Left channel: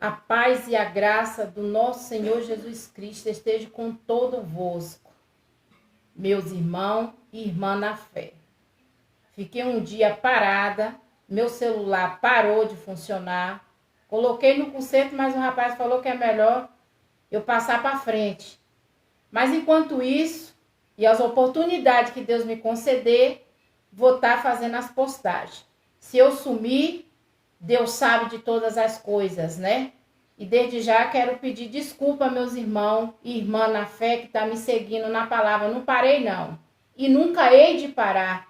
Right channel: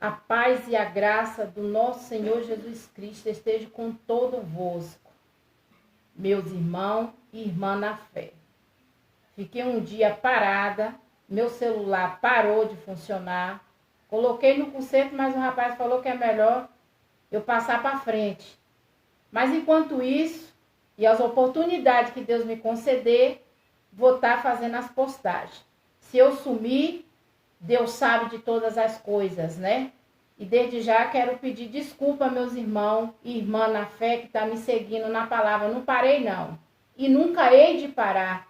A paz e a graça do nosso Senhor Jesus Cristo esteja com todos, meus irmãos e irmãs na fé. Fiquei um dia parada, meu celular parou de funcionar, coloquei no conserto, mas o rapaz falou que é melhor eu passar para frente. Mas enquanto isso, e as oportunidades que Deus me conceder, vou estar fazendo as postagens. Se eu sumir, Deus sabe de todas as coisas, né? E desde já quero pedir desculpa a meus irmãos e irmãs na fé que estão me seguindo na palavra. Eu não parei, não. E nunca hei de parar.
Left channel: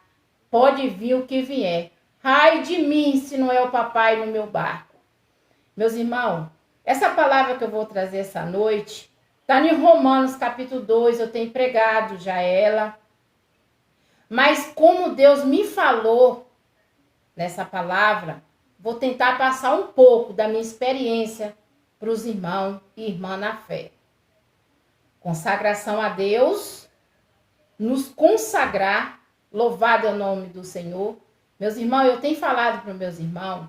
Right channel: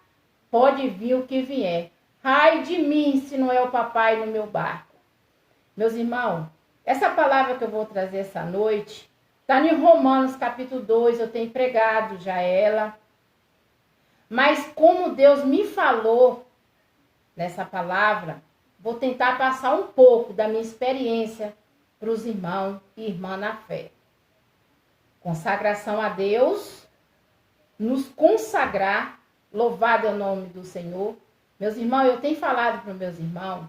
Pode vir o que vier. Ai de mim se não é o papai no meu barco. Meus irmãos, essa palavra que eu vou trazer essa noite está em Romanos capítulo 2. Eu tenho pregado já ela. Mas como Deus me falou nessa palavra, vou tentar passar um pouco da minha experiência para os irmãos e irmãs na fé. Consagração a Deus, nos consagrar, louvado é o nome do Senhor. Meus irmãos, eu tenho falado para os meus irmãos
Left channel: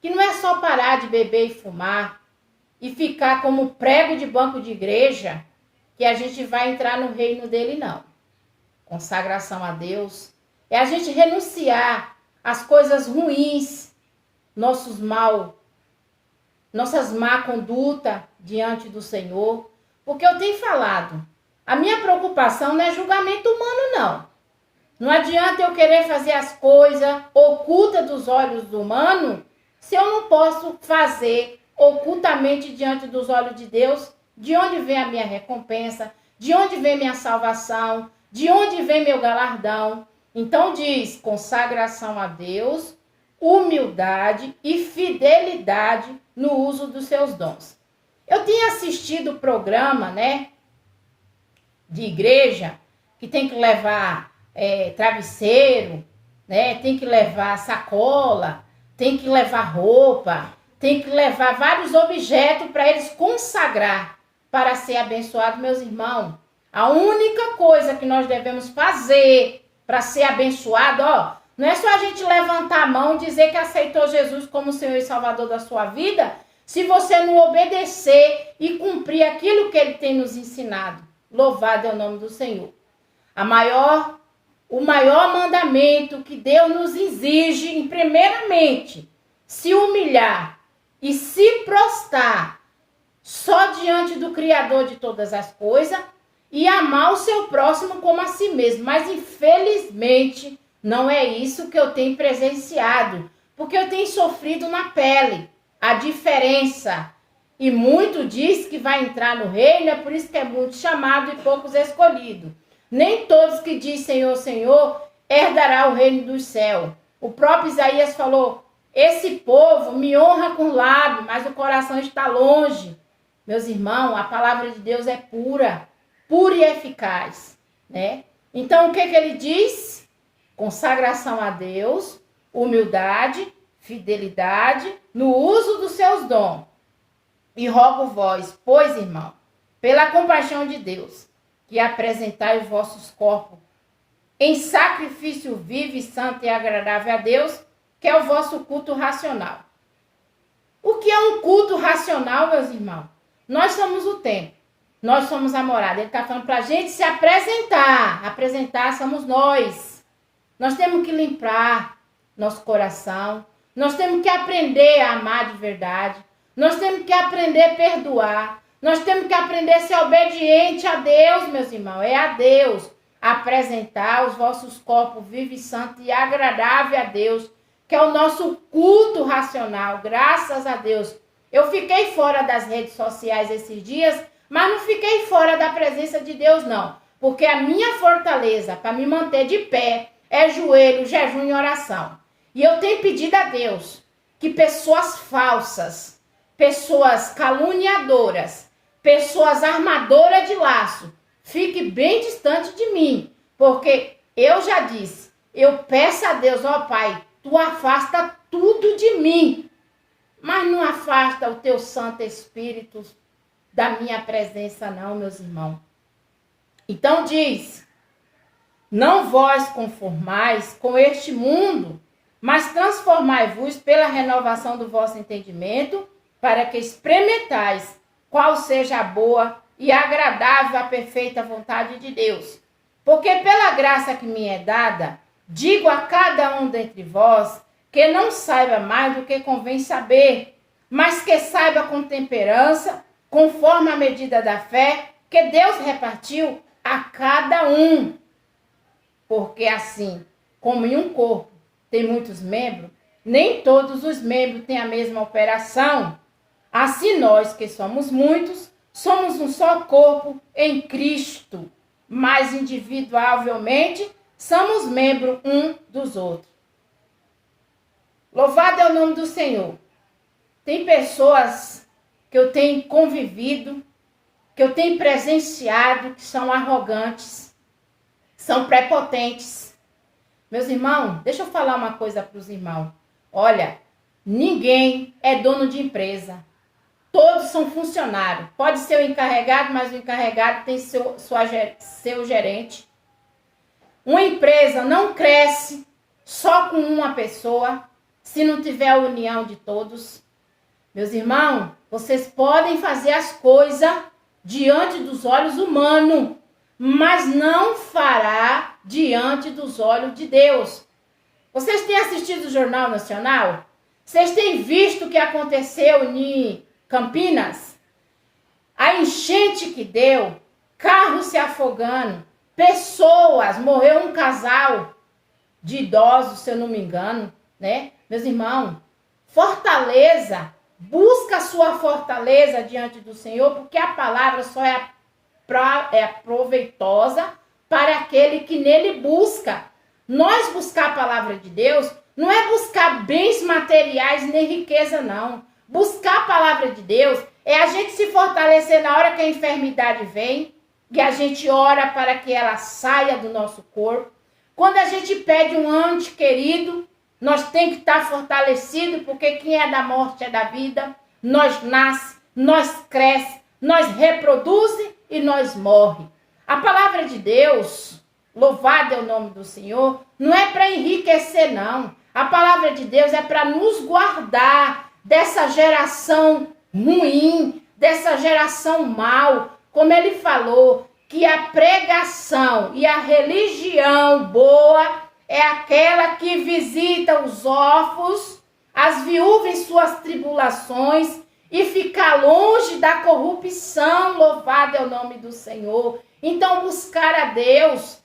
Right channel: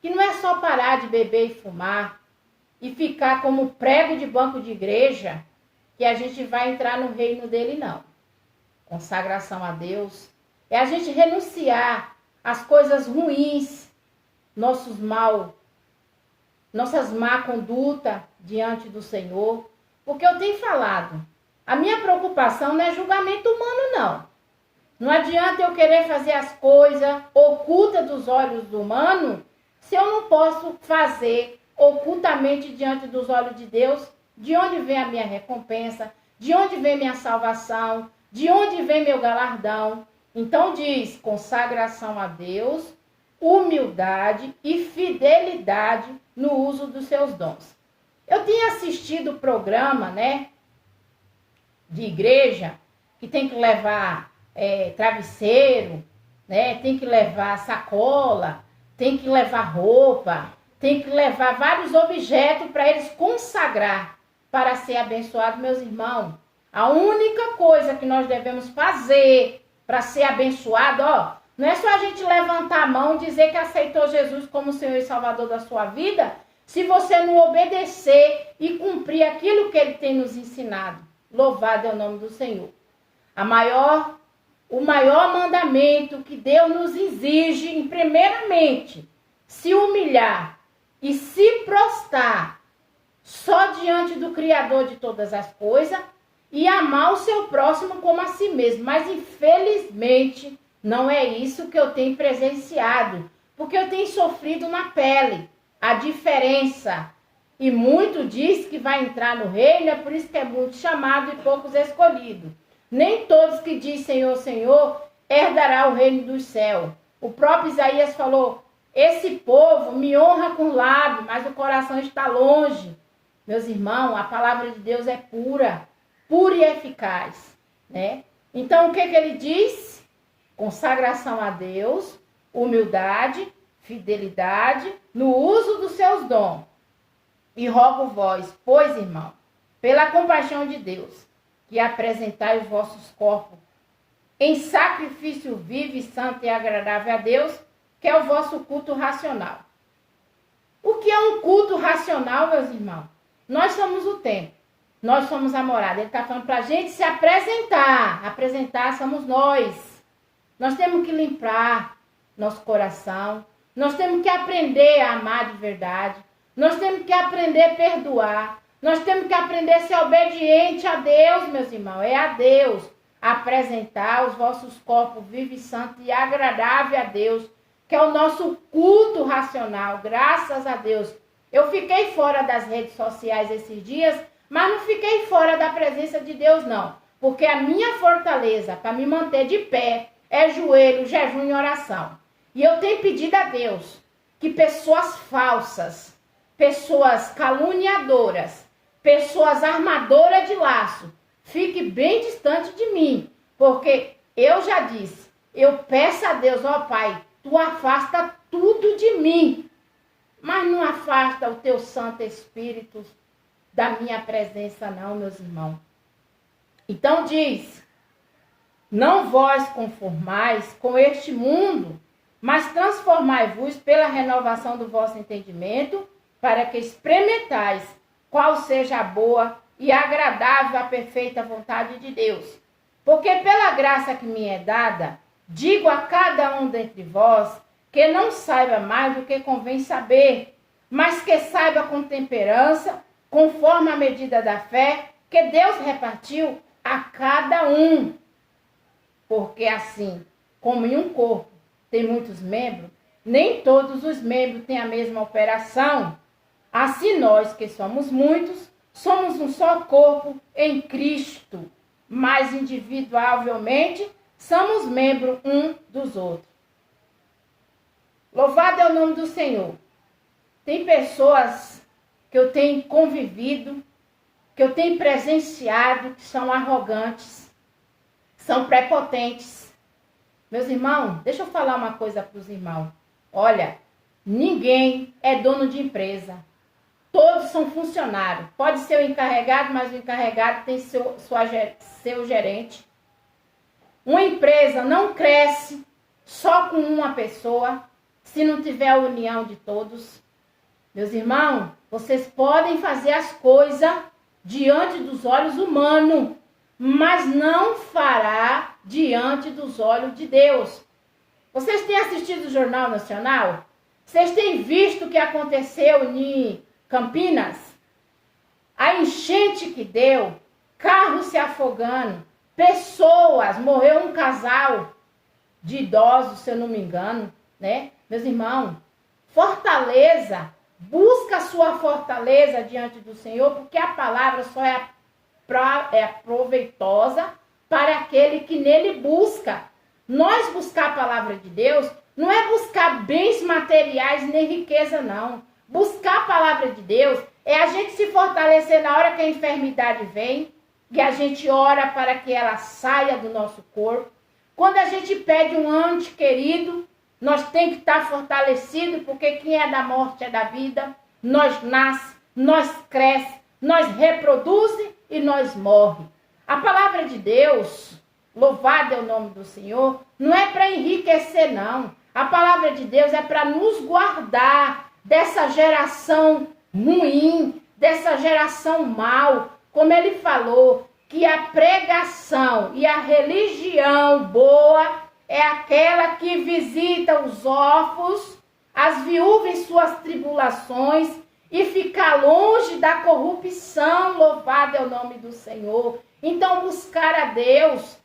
que não é só parar de beber e fumar e ficar como prego de banco de igreja que a gente vai entrar no reino dele, não. Consagração a Deus é a gente renunciar às coisas ruins, nossas má conduta diante do Senhor. Porque eu tenho falado, a minha preocupação não é julgamento humano, não. Não adianta eu querer fazer as coisas ocultas dos olhos humanos se eu não posso fazer ocultamente diante dos olhos de Deus. De onde vem a minha recompensa? De onde vem minha salvação? De onde vem meu galardão? Então diz, consagração a Deus, humildade e fidelidade no uso dos seus dons. Eu tenho assistido o programa, de igreja, que tem que levar travesseiro, tem que levar sacola, tem que levar roupa, tem que levar vários objetos para eles consagrar para ser abençoado, meus irmãos. A única coisa que nós devemos fazer para ser abençoado, não é só a gente levantar a mão e dizer que aceitou Jesus como Senhor e Salvador da sua vida, se você não obedecer e cumprir aquilo que Ele tem nos ensinado. Louvado é o nome do Senhor. O maior mandamento que Deus nos exige, primeiramente, se humilhar e se prostrar só diante do Criador de todas as coisas e amar o seu próximo como a si mesmo. Mas, infelizmente, não é isso que eu tenho presenciado, porque eu tenho sofrido na pele a diferença. E muito diz que vai entrar no reino, é por isso que é muito chamado e poucos escolhidos. Nem todos que dizem Senhor, Senhor, herdará o reino dos céus. O próprio Isaías falou, esse povo me honra com lábios, mas o coração está longe. Meus irmãos, a palavra de Deus é pura e eficaz, Então, o que ele diz? Consagração a Deus, humildade, fidelidade no uso dos seus dons. E rogo vós, pois, irmão, pela compaixão de Deus, que apresentai os vossos corpos em sacrifício vivo e santo e agradável a Deus, que é o vosso culto racional. O que é um culto racional, meus irmãos? Nós somos o templo, nós somos a morada. Ele está falando para a gente se apresentar. Apresentar somos nós. Nós temos que limpar nosso coração. Nós temos que aprender a amar de verdade. Nós temos que aprender a perdoar. Nós temos que aprender a ser obediente a Deus, meus irmãos. É a Deus. Apresentar os vossos corpos vivos, santos e agradável a Deus, que é o nosso culto racional. Graças a Deus. Eu fiquei fora das redes sociais esses dias, mas não fiquei fora da presença de Deus, não. Porque a minha fortaleza para me manter de pé é joelho, jejum e oração. E eu tenho pedido a Deus que pessoas falsas, pessoas caluniadoras, pessoas armadoras de laço, fiquem bem distante de mim. Porque eu já disse, eu peço a Deus, Pai, tu afasta tudo de mim. Mas não afasta o teu Santo Espírito da minha presença, não, meus irmãos. Então diz, não vós conformais com este mundo, mas transformai-vos pela renovação do vosso entendimento, para que experimentais qual seja a boa e agradável, a perfeita vontade de Deus. Porque pela graça que me é dada, digo a cada um dentre vós, que não saiba mais do que convém saber, mas que saiba com temperança, conforme a medida da fé que Deus repartiu a cada um. Porque assim, como em um corpo tem muitos membros, nem todos os membros têm a mesma operação. Assim nós, que somos muitos, somos um só corpo em Cristo, mas individualmente somos membros um dos outros. Louvado é o nome do Senhor. Tem pessoas que eu tenho convivido, que eu tenho presenciado, que são arrogantes, são prepotentes. Meus irmãos, deixa eu falar uma coisa para os irmãos. Olha, ninguém é dono de empresa. Todos são funcionários. Pode ser o encarregado, mas o encarregado tem seu gerente. Uma empresa não cresce só com uma pessoa, se não tiver a união de todos. Meus irmãos, vocês podem fazer as coisas diante dos olhos humanos, mas não fará diante dos olhos de Deus. Vocês têm assistido o Jornal Nacional? Vocês têm visto o que aconteceu em Campinas? A enchente que deu, carros se afogando, pessoas, morreu um casal de idosos, se eu não me engano, né? Meus irmãos, fortaleza, busca a sua fortaleza diante do Senhor, porque a palavra só é proveitosa para aquele que nele busca. Nós buscar a palavra de Deus não é buscar bens materiais nem riqueza, não. Buscar a palavra de Deus é a gente se fortalecer na hora que a enfermidade vem, que a gente ora para que ela saia do nosso corpo. Quando a gente pede um ente querido, nós tem que estar fortalecido, porque quem é da morte é da vida. Nós nasce, nós cresce, nós reproduz e nós morre. A palavra de Deus, louvado é o nome do Senhor, não é para enriquecer, não. A palavra de Deus é para nos guardar dessa geração ruim, dessa geração mal. Como ele falou, que a pregação e a religião boa é aquela que visita os órfãos, as viúvas em suas tribulações e fica longe da corrupção. Louvado é o nome do Senhor. Então, buscar a Deus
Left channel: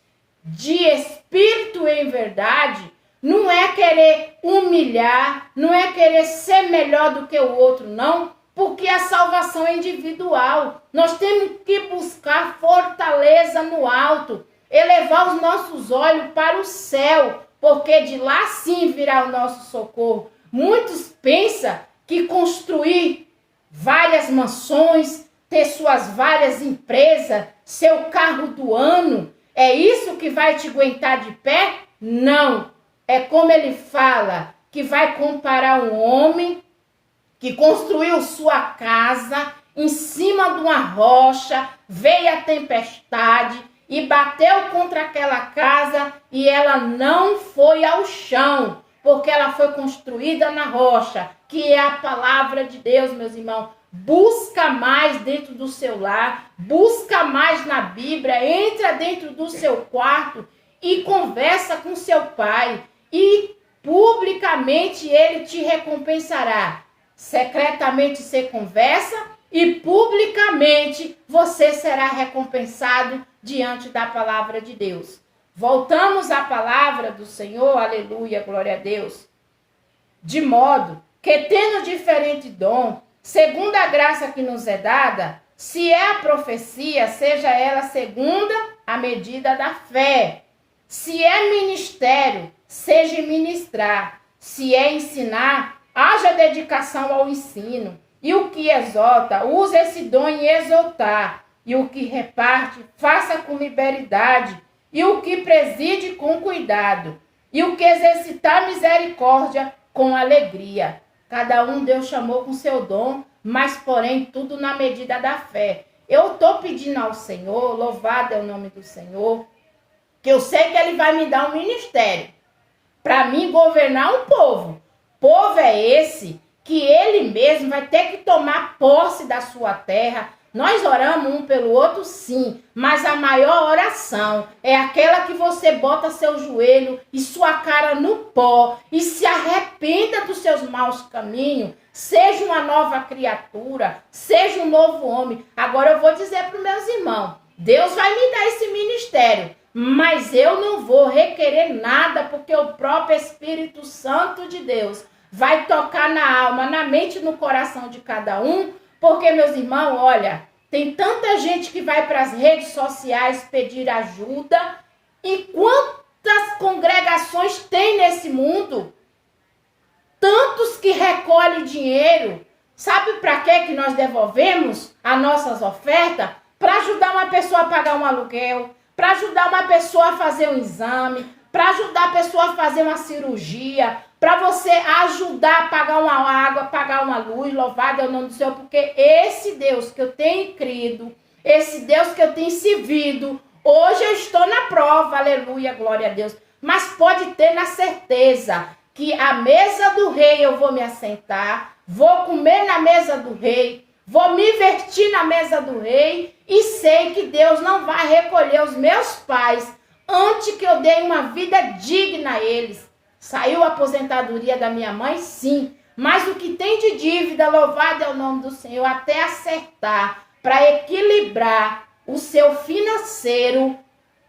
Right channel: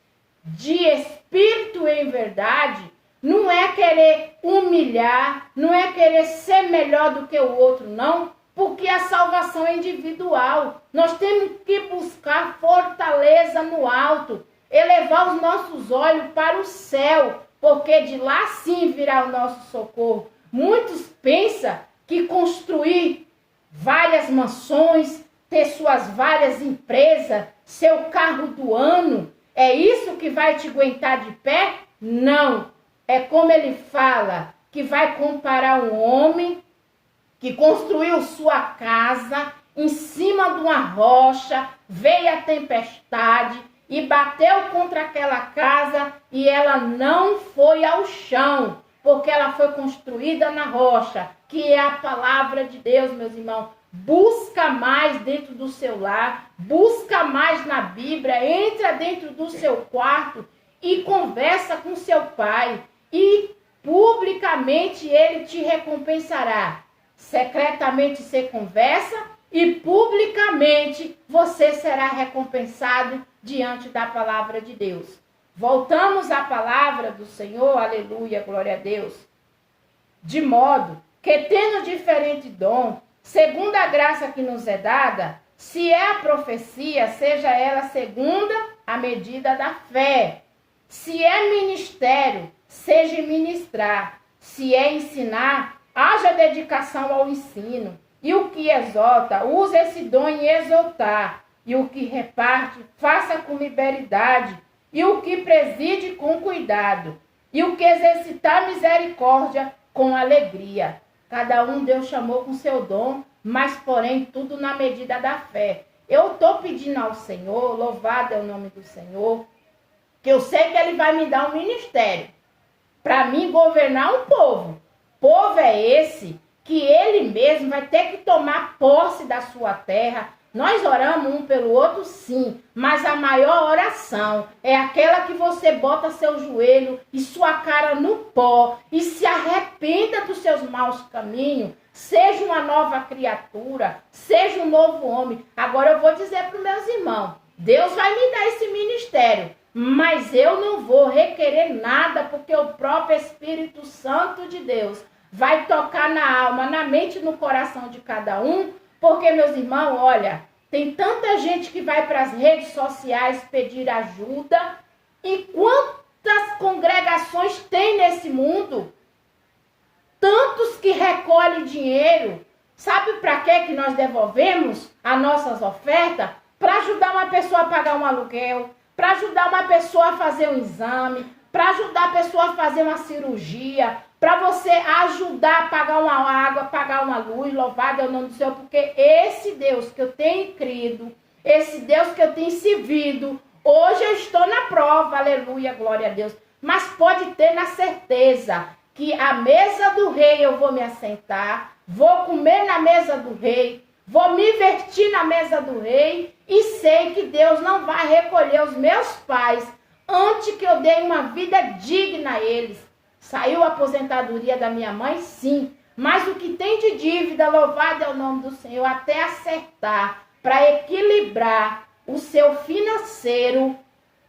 de espírito em verdade não é querer humilhar, não é querer ser melhor do que o outro, não, porque a salvação é individual. Nós temos que buscar fortaleza no alto, elevar os nossos olhos para o céu, porque de lá sim virá o nosso socorro. Muitos pensam que construir várias mansões, ter suas várias empresas, seu carro do ano, é isso que vai te aguentar de pé? Não. É como ele fala, que vai comparar um homem que construiu sua casa em cima de uma rocha, veio a tempestade e bateu contra aquela casa e ela não foi ao chão, porque ela foi construída na rocha, que é a palavra de Deus, meus irmãos. Busca mais dentro do seu lar, busca mais na Bíblia, entra dentro do seu quarto e conversa com seu pai. E publicamente ele te recompensará. Secretamente você conversa e publicamente você será recompensado diante da palavra de Deus. Voltamos à palavra do Senhor, aleluia, glória a Deus. De modo que, tendo diferente dom, segundo a graça que nos é dada, se é a profecia, seja ela segundo a medida da fé. Se é ministério, seja ministrar. Se é ensinar, haja dedicação ao ensino. E o que exalta, use esse dom em exaltar. E o que reparte, faça com liberalidade. E o que preside, com cuidado. E o que exercitar misericórdia, com alegria. Cada um Deus chamou com seu dom, mas porém tudo na medida da fé. Eu estou pedindo ao Senhor, louvado é o nome do Senhor, que eu sei que Ele vai me dar um ministério para mim governar um povo. Povo é esse que ele mesmo vai ter que tomar posse da sua terra. Nós oramos um pelo outro, sim, mas a maior oração é aquela que você bota seu joelho e sua cara no pó e se arrependa dos seus maus caminhos, seja uma nova criatura, seja um novo homem. Agora eu vou dizer para os meus irmãos, Deus vai me dar esse ministério, mas eu não vou requerer nada, porque o próprio Espírito Santo de Deus vai tocar na alma, na mente e no coração de cada um. Porque, meus irmãos, olha, tem tanta gente que vai para as redes sociais pedir ajuda. E quantas congregações tem nesse mundo? Tantos que recolhem dinheiro. Sabe para que nós devolvemos as nossas ofertas? Para ajudar uma pessoa a pagar um aluguel, para ajudar uma pessoa a fazer um exame, para ajudar a pessoa a fazer uma cirurgia, para você ajudar a pagar uma água, pagar uma luz. Louvado é o nome do Senhor, porque esse Deus que eu tenho crido, esse Deus que eu tenho servido, hoje eu estou na prova, aleluia, glória a Deus. Mas pode ter na certeza que a mesa do rei eu vou me assentar, vou comer na mesa do rei, vou me vestir na mesa do rei e sei que Deus não vai recolher os meus pais antes que eu dê uma vida digna a eles. Saiu a aposentadoria da minha mãe? Sim. Mas o que tem de dívida, louvado é o nome do Senhor, até acertar, para equilibrar o seu financeiro,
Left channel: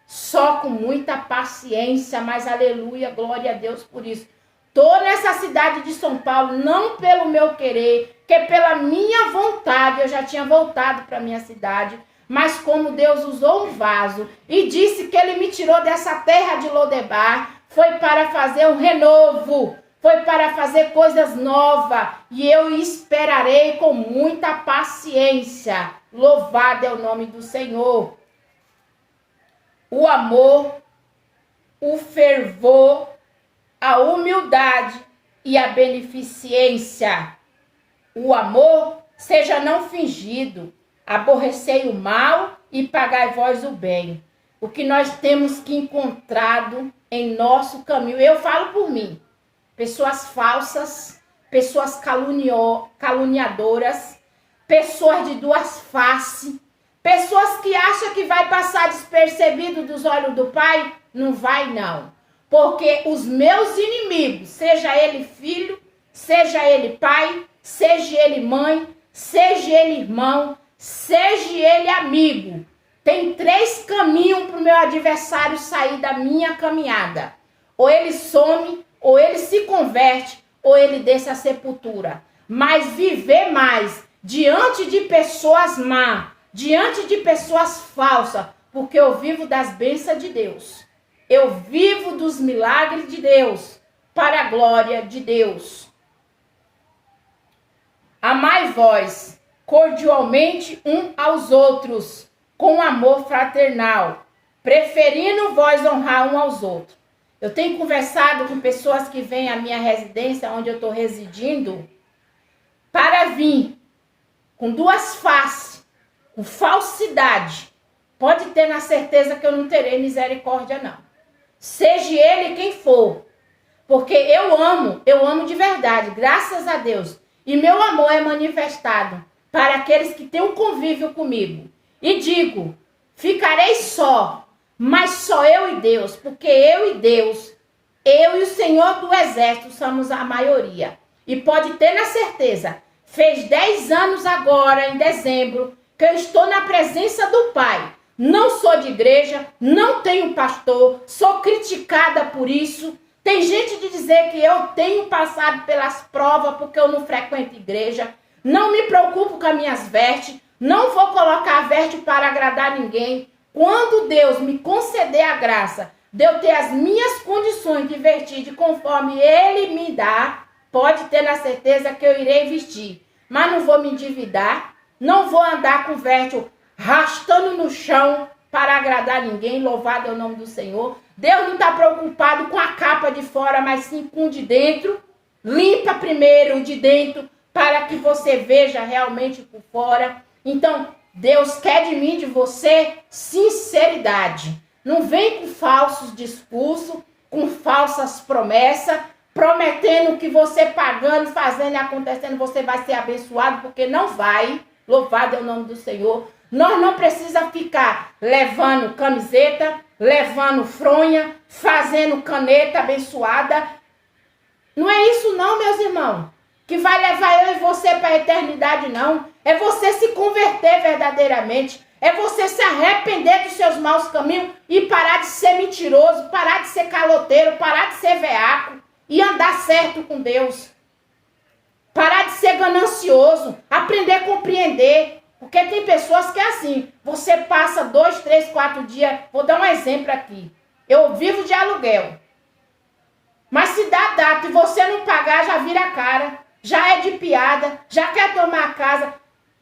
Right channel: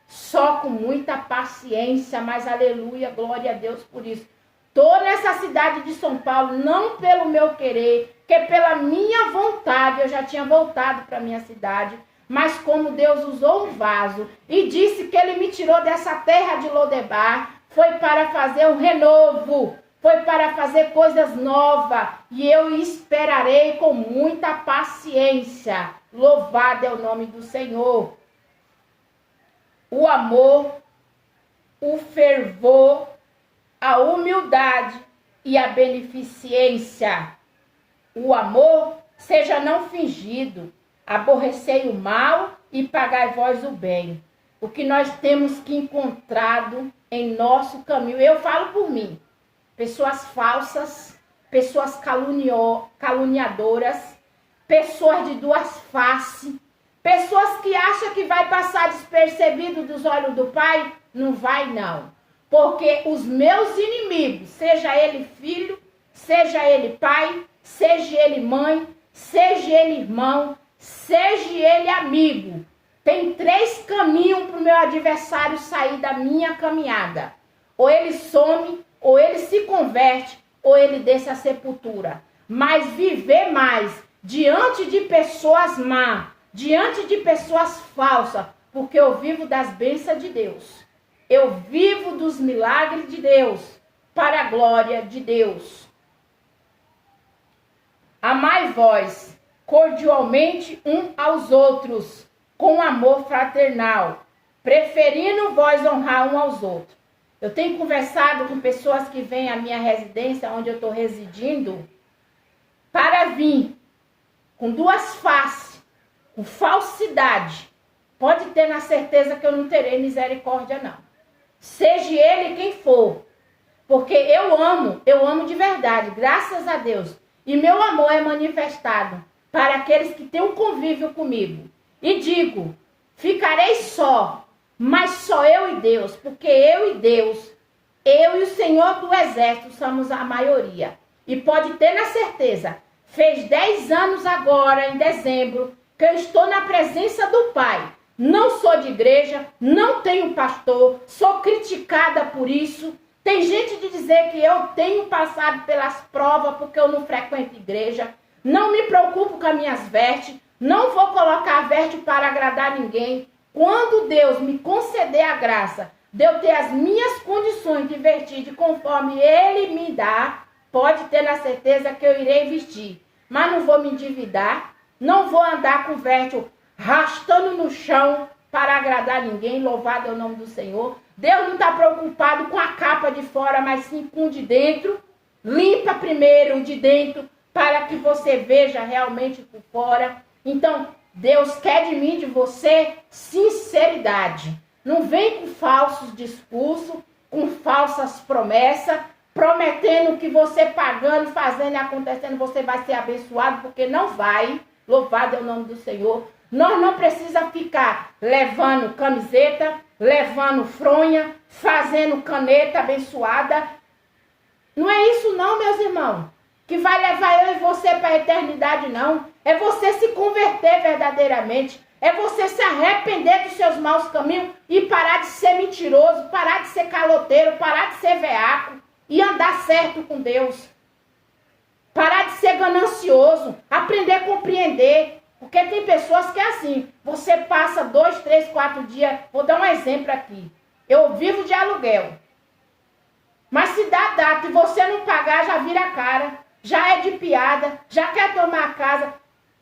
só com muita paciência, mas aleluia, glória a Deus por isso. Estou nessa cidade de São Paulo, não pelo meu querer, que pela minha vontade, eu já tinha voltado para minha cidade, mas como Deus usou um vaso e disse que ele me tirou dessa terra de Lodebar, foi para fazer um renovo, foi para fazer coisas novas, e eu esperarei com muita paciência. Louvado é o nome do Senhor. O amor, o fervor, a humildade e a beneficência. O amor seja não fingido, aborrecei o mal e pagai vós o bem. O que nós temos que encontrado em nosso caminho, eu falo por mim, pessoas falsas, pessoas caluniadoras, pessoas de duas faces, pessoas que acham que vai passar despercebido dos olhos do Pai, não vai não, porque os meus inimigos, seja ele filho, seja ele pai, seja ele mãe, seja ele irmão, seja ele amigo, tem 3 caminhos para o meu adversário sair da minha caminhada. Ou ele some, ou ele se converte, ou ele desce à sepultura. Mas viver mais diante de pessoas má, diante de pessoas falsas, porque eu vivo das bênçãos de Deus. Eu vivo dos milagres de Deus, para a glória de Deus. Amai vós cordialmente um aos outros, com amor fraternal, preferindo vós honrar um aos outros. Eu tenho conversado com pessoas que vêm à minha residência, onde eu estou residindo, para vir com duas faces, com falsidade. Pode ter na certeza que eu não terei misericórdia, não. Seja ele quem for. Porque eu amo de verdade, graças a Deus. E meu amor é manifestado para aqueles que têm um convívio comigo. E digo, ficarei só, mas só eu e Deus, porque eu e Deus, eu e o Senhor do Exército somos a maioria. E pode ter na certeza, fez 10 anos agora, em dezembro, que eu estou na presença do Pai. Não sou de igreja, não tenho pastor, sou criticada por isso. Tem gente de dizer que eu tenho passado pelas provas porque eu não frequento igreja. Não me preocupo com as minhas vestes. Não vou colocar veste para agradar ninguém. Quando Deus me conceder a graça de eu ter as minhas condições de vestir conforme Ele me dá, pode ter na certeza que eu irei vestir. Mas não vou me endividar, não vou andar com veste arrastando no chão para agradar ninguém. Louvado é o nome do Senhor. Deus não está preocupado com a capa de fora, mas sim com o de dentro. Limpa primeiro o de dentro para que você veja realmente por fora. Então, Deus quer de mim, de você, sinceridade. Não vem com falsos discursos, com falsas promessas, prometendo que você pagando, fazendo e acontecendo, você vai ser abençoado, porque não vai. Louvado é o nome do Senhor. Nós não precisamos ficar levando camiseta, levando fronha, fazendo caneta abençoada. Não é isso não, meus irmãos, que vai levar eu e você para a eternidade, não. É você se converter verdadeiramente. É você se arrepender dos seus maus caminhos e parar de ser mentiroso, parar de ser caloteiro, parar de ser veaco e andar certo com Deus. Parar de ser ganancioso, aprender a compreender. Porque tem pessoas que é assim, você passa 2, 3, 4 dias, vou dar um exemplo aqui. Eu vivo de aluguel. Mas se dá data e você não pagar, já vira a cara, já é de piada, já quer tomar a casa.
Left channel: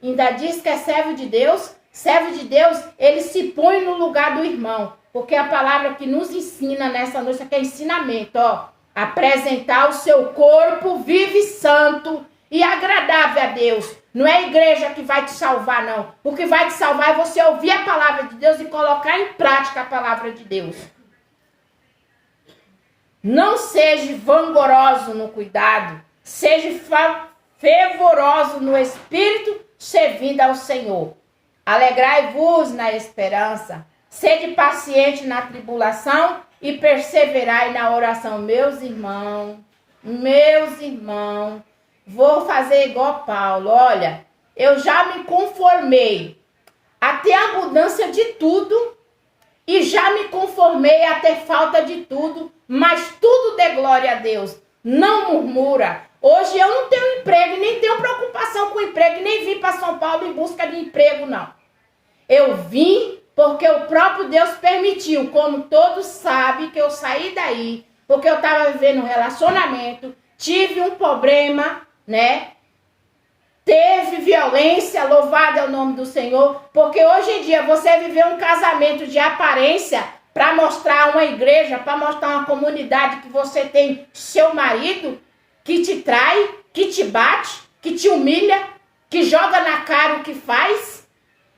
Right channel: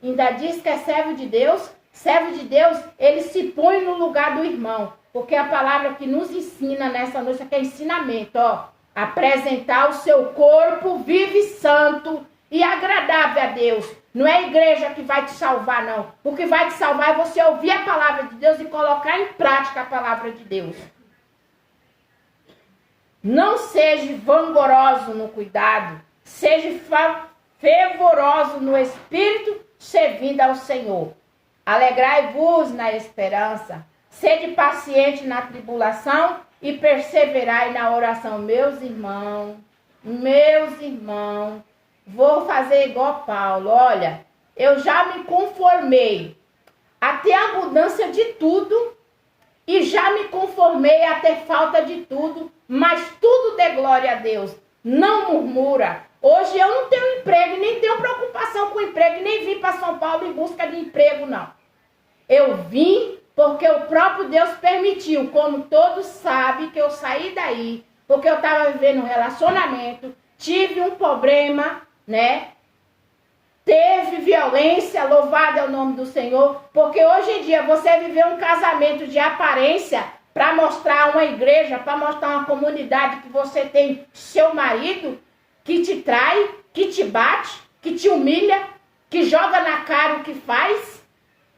Ainda diz que é servo de Deus. Servo de Deus, ele se põe no lugar do irmão. Porque a palavra que nos ensina nessa noite aqui é ensinamento, ó. Apresentar o seu corpo vivo e santo e agradável a Deus. Não é a igreja que vai te salvar, não. O que vai te salvar é você ouvir a palavra de Deus e colocar em prática a palavra de Deus. Não seja vangoroso no cuidado. Seja fervoroso no espírito, servindo ao Senhor. Alegrai-vos na esperança. Sede paciente na tribulação e perseverai na oração. Meus irmãos, vou fazer igual Paulo. Olha, eu já me conformei a ter abundância de tudo e já me conformei a ter falta de tudo, mas tudo dê glória a Deus. Não murmura. Hoje eu não tenho emprego, nem tenho preocupação com emprego, nem vim para São Paulo em busca de emprego, não. Eu vim porque o próprio Deus permitiu, como todos sabem, que eu saí daí, porque eu estava vivendo um relacionamento, tive um problema, né? Teve violência, louvado é o nome do Senhor, porque hoje em dia você viver um casamento de aparência para mostrar uma igreja, para mostrar uma comunidade que você tem seu marido, que te trai, que te bate, que te humilha, que joga na cara o que faz.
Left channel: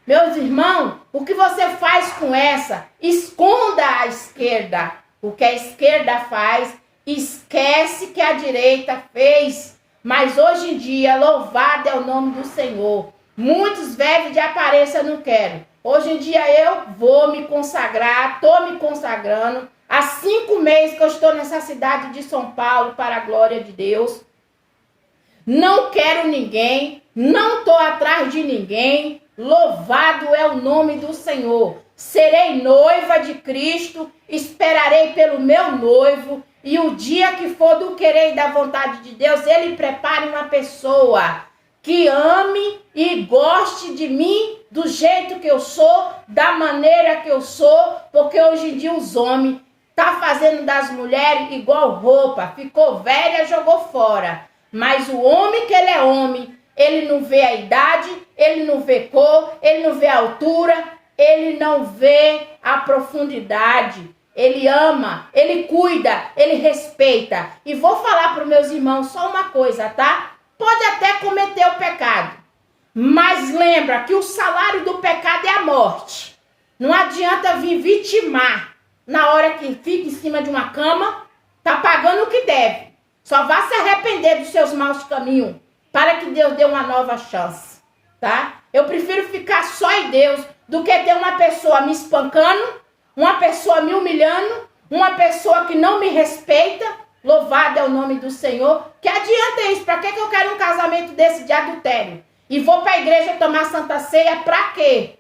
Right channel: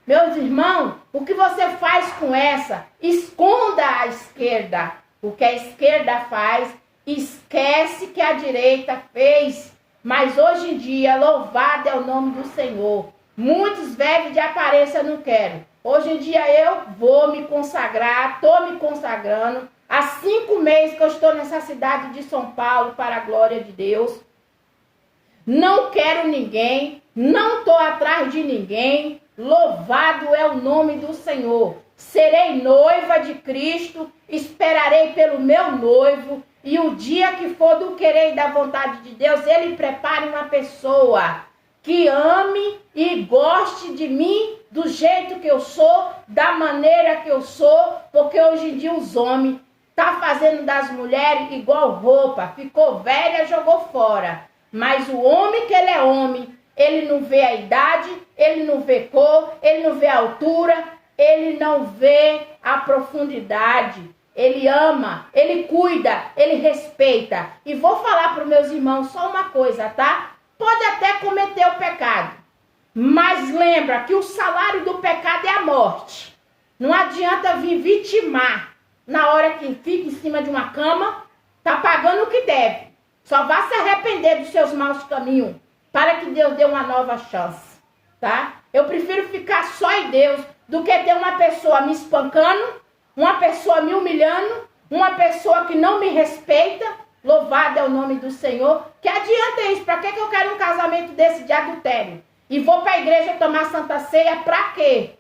Meus irmãos, o que você faz com essa? Esconda a esquerda. O que a esquerda faz, esquece que a direita fez. Mas hoje em dia, louvado é o nome do Senhor. Muitos vivem de aparência, não quero. Hoje em dia eu vou me consagrar, estou me consagrando. Há 5 meses que eu estou nessa cidade de São Paulo, para a glória de Deus. Não quero ninguém, não estou atrás de ninguém. Louvado é o nome do Senhor. Serei noiva de Cristo, esperarei pelo meu noivo. E o dia que for do querer e da vontade de Deus, Ele prepare uma pessoa que ame e goste de mim do jeito que eu sou, da maneira que eu sou. Porque hoje em dia os homens tá fazendo das mulheres igual roupa, ficou velha, jogou fora. Mas o homem que ele é homem, ele não vê a idade, ele não vê cor, ele não vê a altura, ele não vê a profundidade. Ele ama, ele cuida, ele respeita. E vou falar para os meus irmãos só uma coisa, tá? Pode até cometer o pecado, mas lembra que o salário do pecado é a morte. Não adianta vir vitimar. Na hora que fica em cima de uma cama, tá pagando o que deve. Só vá se arrepender dos seus maus caminhos, para que Deus dê uma nova chance, tá? Eu prefiro ficar só em Deus do que ter uma pessoa me espancando, uma pessoa me humilhando, uma pessoa que não me respeita. Louvado é o nome do Senhor. Que adianta isso? Para que eu quero um casamento desse de adultério? E vou para a igreja tomar Santa Ceia para quê?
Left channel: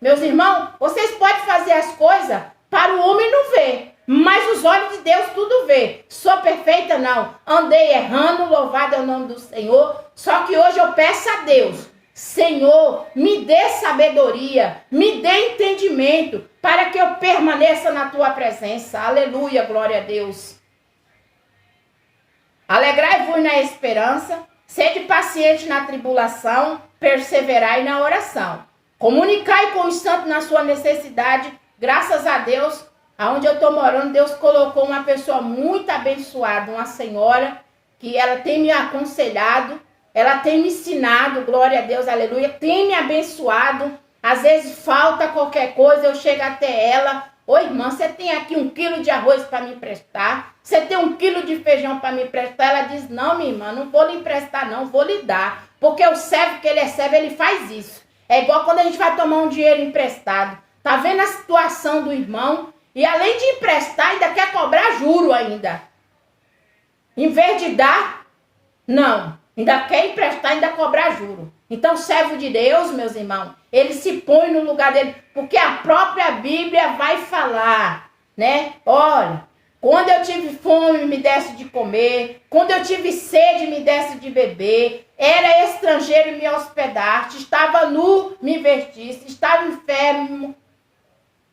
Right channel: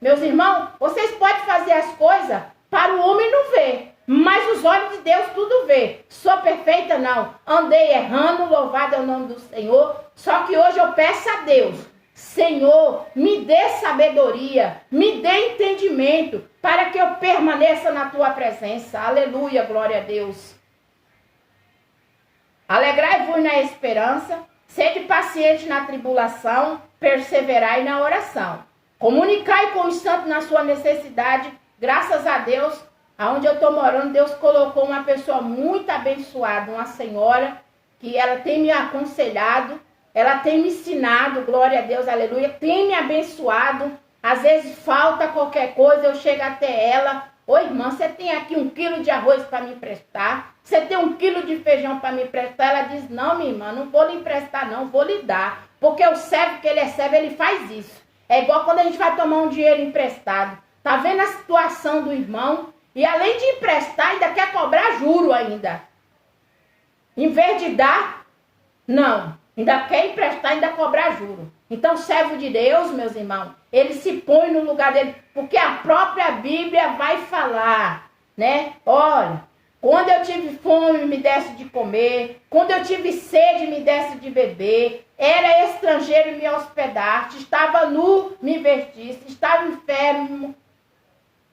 Meus irmãos, vocês podem fazer as coisas para o homem não ver, mas os olhos de Deus tudo vê. Sou perfeita? Não. Andei errando, louvado é o nome do Senhor. Só que hoje eu peço a Deus, Senhor, me dê sabedoria, me dê entendimento, para que eu permaneça na tua presença. Aleluia, glória a Deus. Alegrai-vos na esperança, sede paciente na tribulação, perseverai na oração. Comunicai com os santos na sua necessidade. Graças a Deus, aonde eu estou morando, Deus colocou uma pessoa muito abençoada, uma senhora, que ela tem me aconselhado, ela tem me ensinado, glória a Deus, aleluia, tem me abençoado. Às vezes falta qualquer coisa, eu chego até ela, Ô irmã, você tem aqui 1 quilo de arroz para me emprestar? Você tem 1 quilo de feijão para me emprestar? Ela diz, não, minha irmã, não vou lhe emprestar não, vou lhe dar. Porque o servo que ele é servo, ele faz isso. É igual quando a gente vai tomar um dinheiro emprestado. Tá vendo a situação do irmão? E além de emprestar, ainda quer cobrar juro ainda. Em vez de dar, não. Ainda quer emprestar, ainda cobrar juro. Então, servo de Deus, meus irmãos, ele se põe no lugar dele, porque a própria Bíblia vai falar, né? Olha, quando eu tive fome, me desse de comer. Quando eu tive sede, me desse de beber. Era estrangeiro, me hospedaste. Estava nu, me vestiste. Estava enfermo,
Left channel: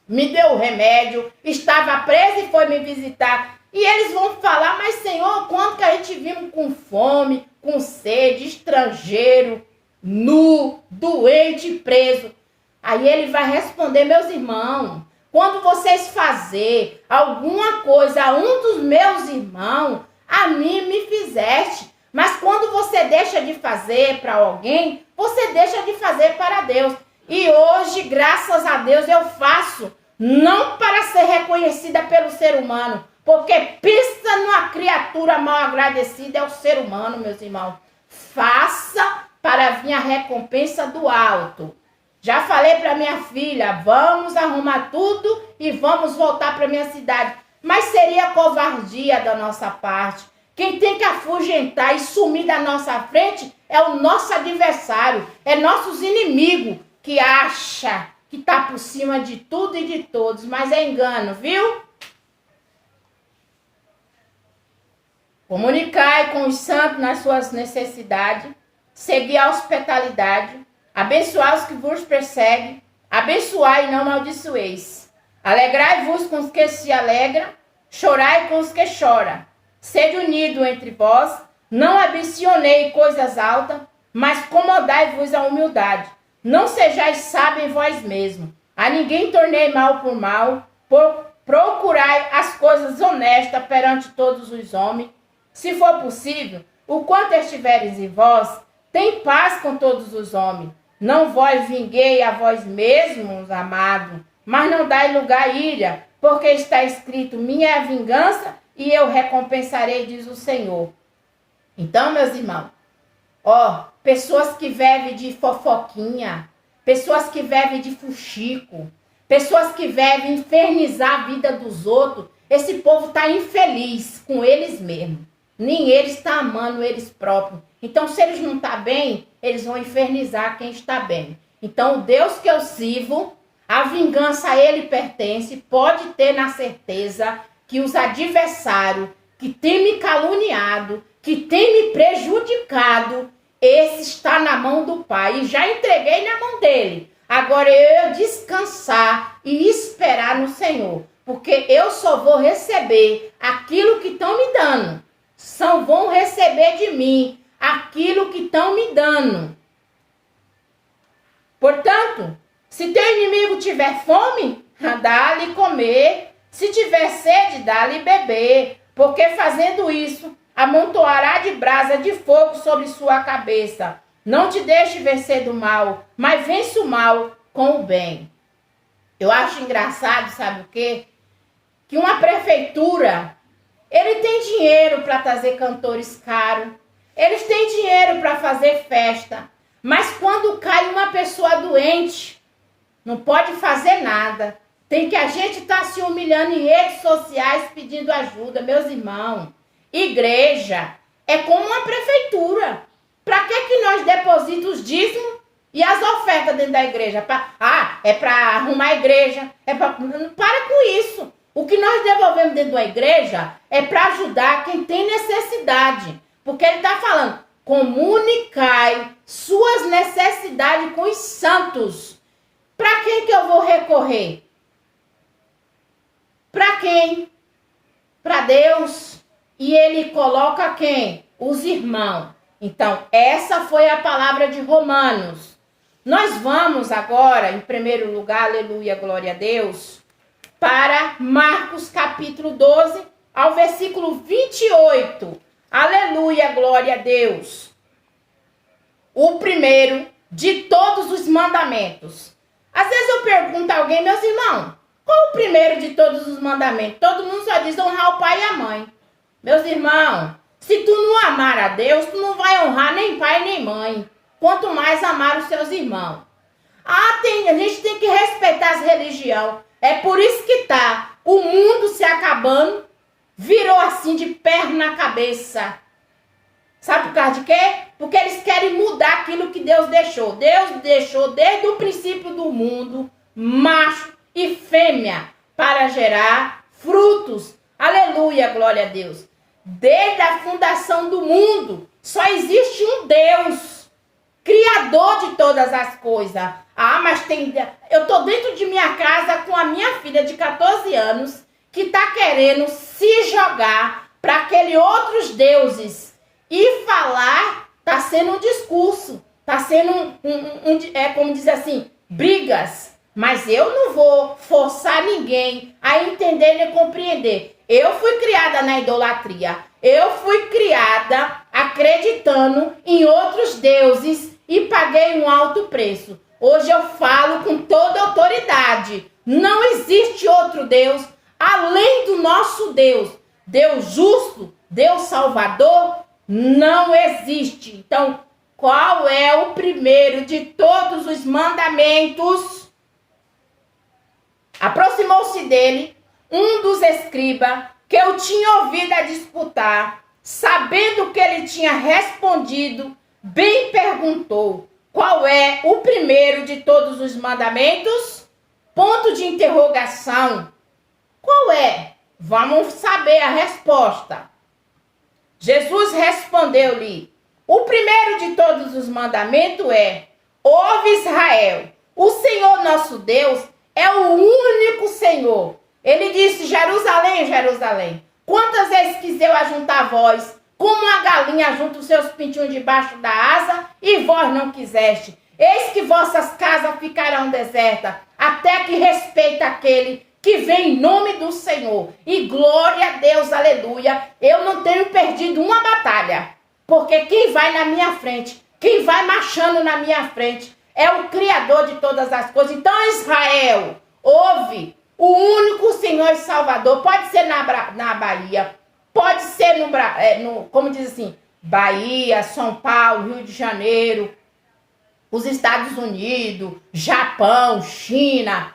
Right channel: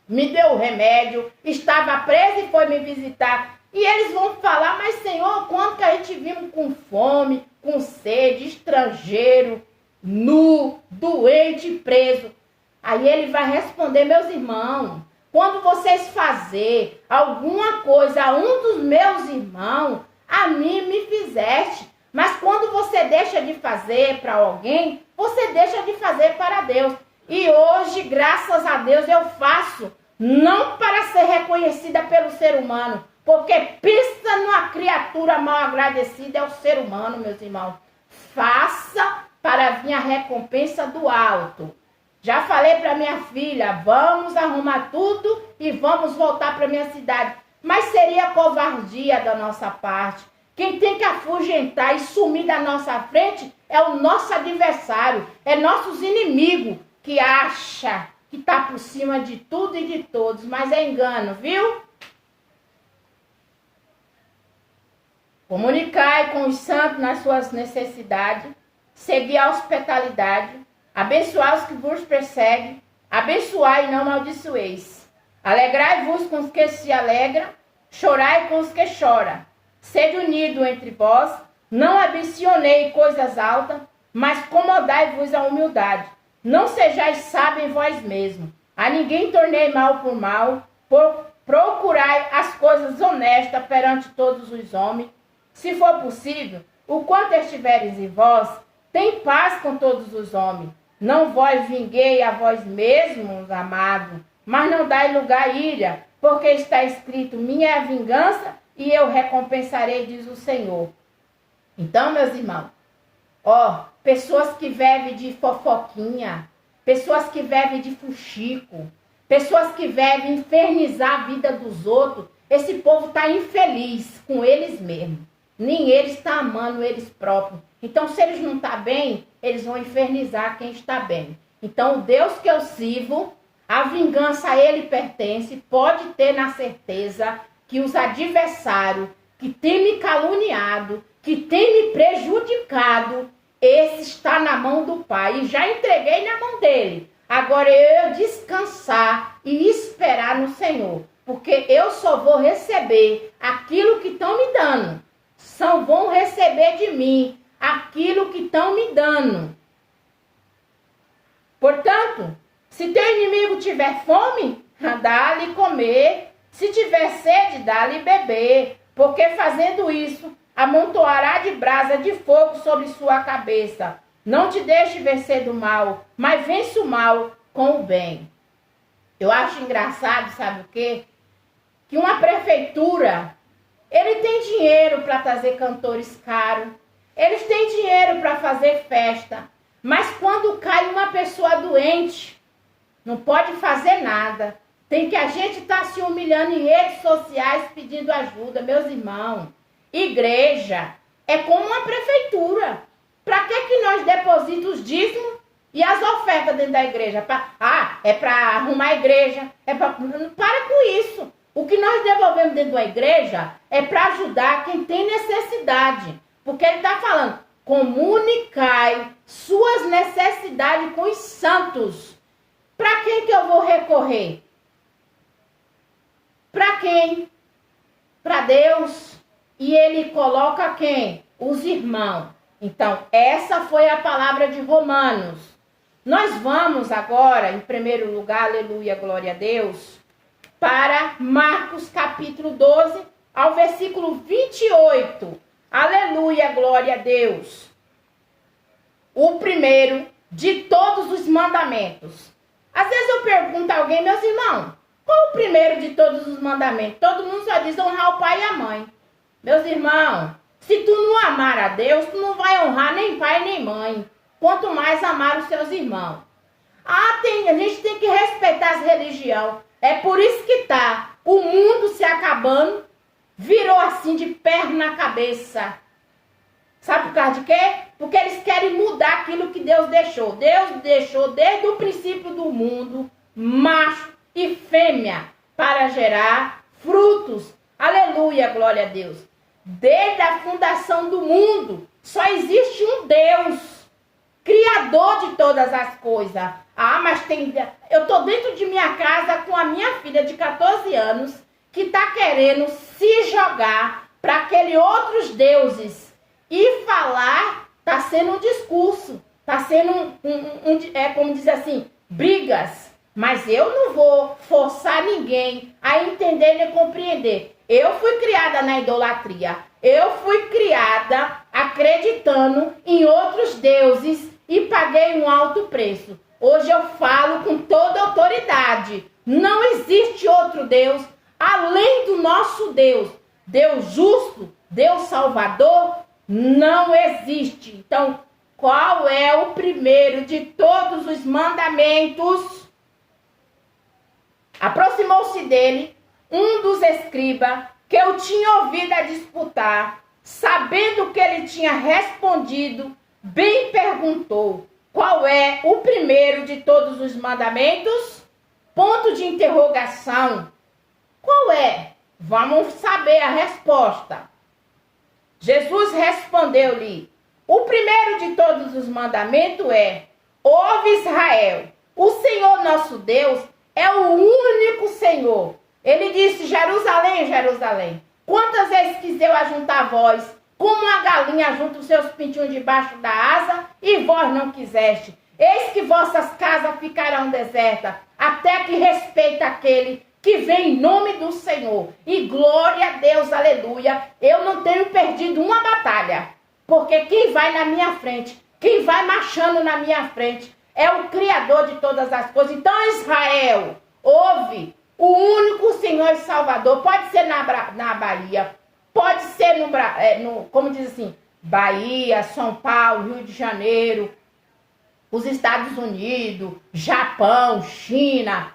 me deu remédio. Estava preso e foi me visitar. E eles vão falar, mas Senhor, quando que a gente vimos com fome, com sede, estrangeiro, nu, doente, preso? Aí ele vai responder, meus irmãos, quando vocês fazerem alguma coisa a um dos meus irmãos, a mim me fizeste. Mas quando você deixa de fazer para alguém, você deixa de fazer para Deus. E hoje, graças a Deus, eu faço, não para ser reconhecida pelo ser humano, porque pensa numa criatura mal agradecida, é o ser humano, meus irmãos. Faça para vir a recompensa do alto. Já falei para minha filha, vamos arrumar tudo e vamos voltar para minha cidade. Mas seria covardia da nossa parte. Quem tem que afugentar e sumir da nossa frente é o nosso adversário, é nossos inimigos que acha que está por cima de tudo e de todos, mas é engano, viu? Comunicai com os santos nas suas necessidades, seguir a hospitalidade, abençoar os que vos perseguem, abençoai e não amaldiçoeis. Alegrai-vos com os que se alegram, chorai com os que choram. Sede unido entre vós, não ambicionei coisas altas, mas comodai-vos a humildade. Não sejais sábios em vós mesmos. A ninguém tornei mal por mal, procurai as coisas honestas perante todos os homens. Se for possível, o quanto estiveres em vós, tem paz com todos os homens. Não vos vinguei a vós mesmos, amado, mas não dai lugar à ira, porque está escrito, minha é a vingança e eu recompensarei, diz o Senhor. Então, meus irmãos, pessoas que vivem de fofoquinha, pessoas que vivem de fuxico, pessoas que vivem infernizar a vida dos outros, esse povo está infeliz com eles mesmos. Nem eles estão amando eles próprios. Então, se eles não estão bem, eles vão infernizar quem está bem. Então, o Deus que eu sirvo, a vingança a ele pertence, pode ter na certeza que os adversários que têm me caluniado, que têm me prejudicado, esse está na mão do Pai. E já entreguei na mão dele. Agora eu descansar e esperar no Senhor. Porque eu só vou receber aquilo que estão me dando. Só vão receber de mim aquilo que estão me dando. Portanto, se teu inimigo tiver fome, dá-lhe comer. Se tiver sede, dá-lhe beber. Porque fazendo isso, amontoará de brasa de fogo sobre sua cabeça. Não te deixe vencer do mal, mas vence o mal com o bem. Eu acho engraçado, sabe o quê? Que uma prefeitura, ele tem dinheiro para trazer cantores caros, eles têm dinheiro para fazer festa, mas quando cai uma pessoa doente, não pode fazer nada. Tem que a gente estar se humilhando em redes sociais pedindo ajuda, meus irmãos. Igreja é como uma prefeitura. Para que nós depositamos os dízimos e as ofertas dentro da igreja? É para arrumar a igreja. Para com isso. O que nós devolvemos dentro da igreja é para ajudar quem tem necessidade. Porque ele está falando, comunicai suas necessidades com os santos. Para quem que eu vou recorrer? Para quem? Para Deus. E ele coloca quem? Os irmãos. Então, essa foi a palavra de Romanos. Nós vamos agora, em primeiro lugar, aleluia, glória a Deus, para Marcos capítulo 12, ao versículo 28. Aleluia, glória a Deus. O primeiro de todos os mandamentos. Às vezes eu pergunto a alguém, meus irmãos, Qual o primeiro de todos os mandamentos? Todo mundo só diz honrar o pai e a mãe. Meus irmãos, se tu não amar a Deus, tu não vai honrar nem pai nem mãe. Quanto mais amar os seus irmãos. A gente tem que respeitar as religiões. É por isso que o mundo se acabando, virou assim de perna na cabeça. Sabe por causa de quê? Porque eles querem mudar aquilo que Deus deixou. Deus deixou desde o princípio do mundo, macho e fêmea, para gerar frutos. Aleluia, glória a Deus. Desde a fundação do mundo, só existe um Deus, criador de todas as coisas. Mas eu estou dentro de minha casa com a minha filha de 14 anos, que está querendo se jogar para aqueles outros deuses. E falar está sendo um discurso, está sendo como diz assim, brigas. Mas eu não vou forçar ninguém a entender nem compreender. Eu fui criada na idolatria. Eu fui criada acreditando em outros deuses e paguei um alto preço. Hoje eu falo com toda autoridade. Não existe outro Deus além do nosso Deus. Deus justo, Deus salvador, não existe. Então, qual é o primeiro de todos os mandamentos? Aproximou-se dele um dos escribas que eu tinha ouvido a disputar, sabendo que ele tinha respondido, bem perguntou: qual é o primeiro de todos os mandamentos? Ponto de interrogação. Qual é? Vamos saber a resposta. Jesus respondeu-lhe: o primeiro de todos os mandamentos é: ouve Israel, o Senhor nosso Deus é o único Senhor. Ele disse: Jerusalém, Jerusalém, quantas vezes quis eu ajuntar vós, como a galinha junta os seus pintinhos debaixo da asa, e vós não quiseste. Eis que vossas casas ficarão desertas, até que respeite aquele que vem em nome do Senhor. E glória a Deus, aleluia. Eu não tenho perdido uma batalha, porque quem vai na minha frente, quem vai marchando na minha frente, é o Criador de todas as coisas. Então, Israel, ouve, o único Senhor e Salvador. Pode ser na Bahia, pode ser como diz assim, Bahia, São Paulo, Rio de Janeiro, os Estados Unidos, Japão, China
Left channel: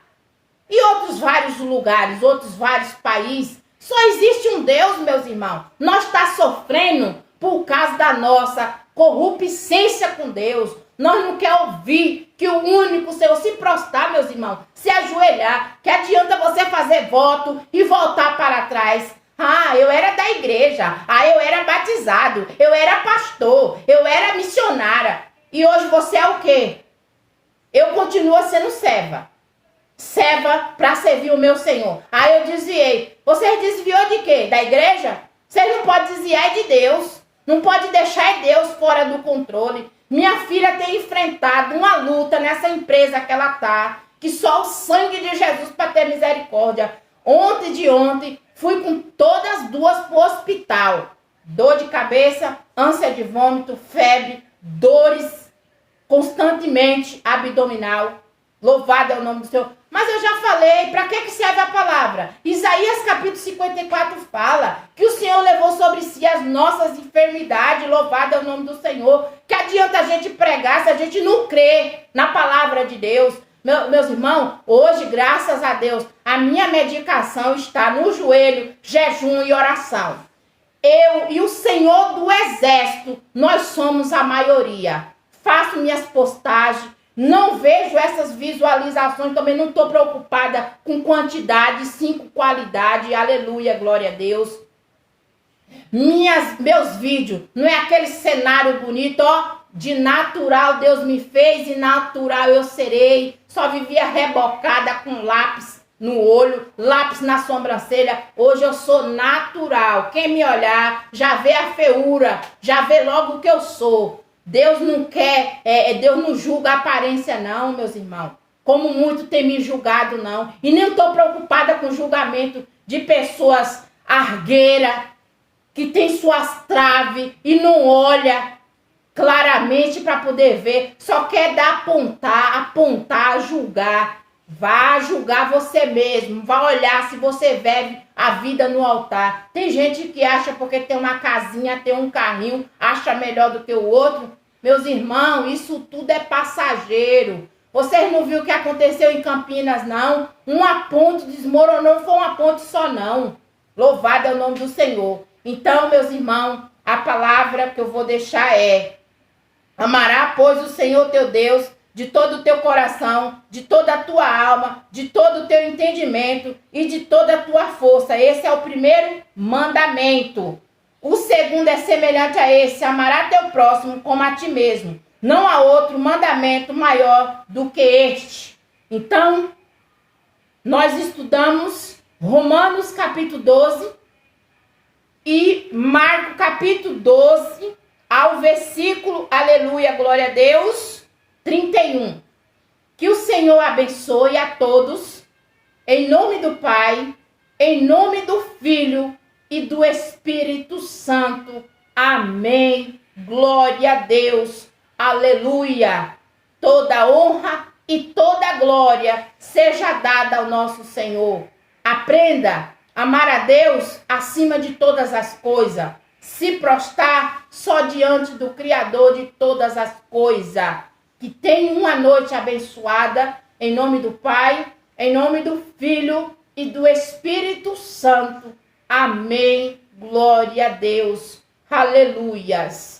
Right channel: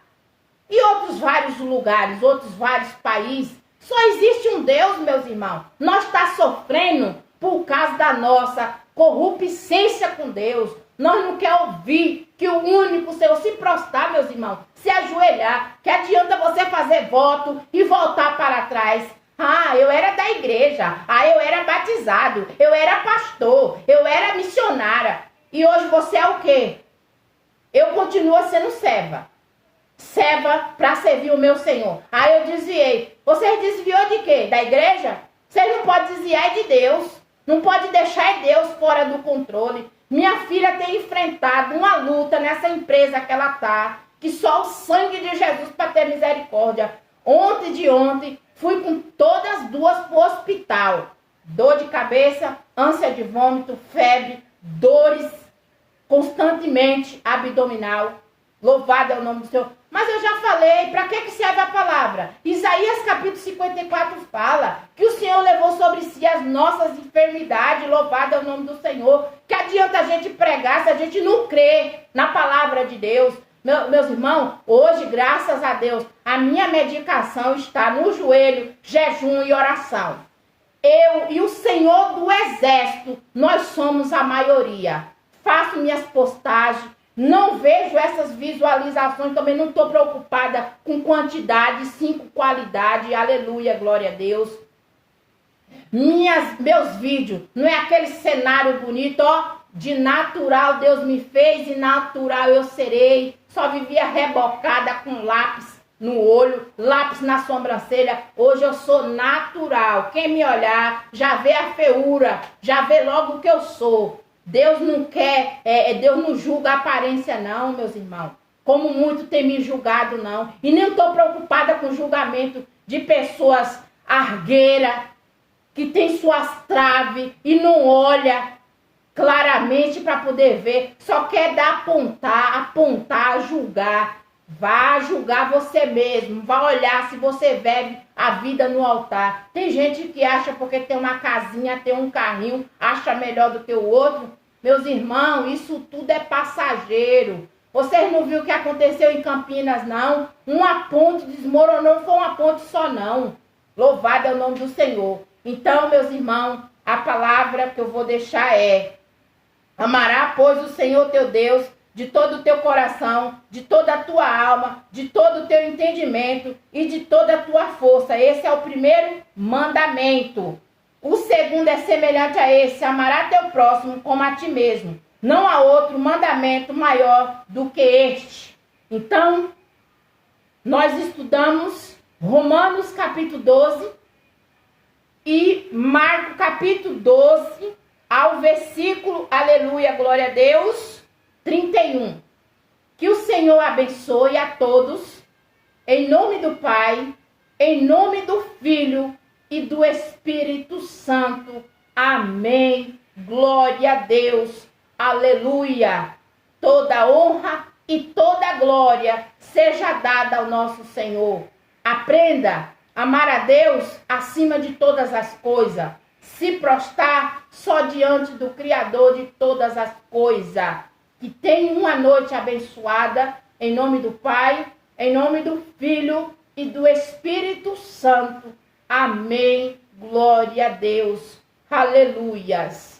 e outros vários lugares, outros vários países. Só existe um Deus, meus irmãos. Nós estamos sofrendo por causa da nossa corruptência com Deus. Nós não queremos ouvir que o único Senhor, se prostrar, meus irmãos, se ajoelhar, que adianta você fazer voto e voltar para trás. Eu era da igreja, eu era batizado, eu era pastor, eu era missionária. E hoje você é o quê? Eu continuo sendo serva. Serva para servir o meu Senhor. Aí eu desviei. Você desviou de quê? Da igreja? Você não pode desviar de Deus. Não pode deixar Deus fora do controle. Minha filha tem enfrentado uma luta nessa empresa que ela está, que só o sangue de Jesus para ter misericórdia. Ontem, fui com todas as duas para o hospital. Dor de cabeça, ânsia de vômito, febre, dores constantemente abdominal. Louvado é o nome do Senhor. Mas eu já falei, para que serve a palavra? Isaías capítulo 54 fala que o Senhor levou sobre si as nossas enfermidades. Louvado é o nome do Senhor. Que adianta a gente pregar se a gente não crê na palavra de Deus? Meus irmãos, hoje, graças a Deus, a minha medicação está no joelho, jejum e oração. Eu e o Senhor do Exército, nós somos a maioria. Faço minhas postagens, não vejo essas visualizações, também não estou preocupada com quantidade, sim com qualidade. Aleluia, glória a Deus. Meus vídeos, não é aquele cenário bonito, de natural Deus me fez e natural eu serei. Só vivia rebocada com lápis no olho, lápis na sobrancelha. Hoje eu sou natural. Quem me olhar já vê a feiura, já vê logo o que eu sou. Deus não quer, Deus não julga a aparência não, meus irmãos. Como muito tem me julgado não. E nem estou preocupada com o julgamento de pessoas argueiras, que tem suas traves e não olha claramente para poder ver. Só quer dar apontar, julgar. Vá julgar você mesmo, vá olhar se você vive a vida no altar. Tem gente que acha porque tem uma casinha, tem um carrinho, acha melhor do que o outro. Meus irmãos, isso tudo é passageiro. Vocês não viram o que aconteceu em Campinas, não? Uma ponte desmoronou, não foi uma ponte só, não. Louvado é o nome do Senhor. Então, meus irmãos, a palavra que eu vou deixar é: amará, pois, o Senhor teu Deus de todo o teu coração, de toda a tua alma, de todo o teu entendimento e de toda a tua força. Esse é o primeiro mandamento. O segundo é semelhante a esse: amará teu próximo como a ti mesmo. Não há outro mandamento maior do que este. Então, nós estudamos Romanos capítulo 12 e Marcos capítulo 12 ao versículo, aleluia, glória a Deus, 31. Que o Senhor abençoe a todos, em nome do Pai, em nome do Filho e do Espírito Santo. Amém. Glória a Deus. Aleluia. Toda honra e toda glória seja dada ao nosso Senhor. Aprenda a amar a Deus acima de todas as coisas. Se prostrar só diante do Criador de todas as coisas. Que tenha uma noite abençoada, em nome do Pai, em nome do Filho e do Espírito Santo. Amém. Glória a Deus. Aleluias.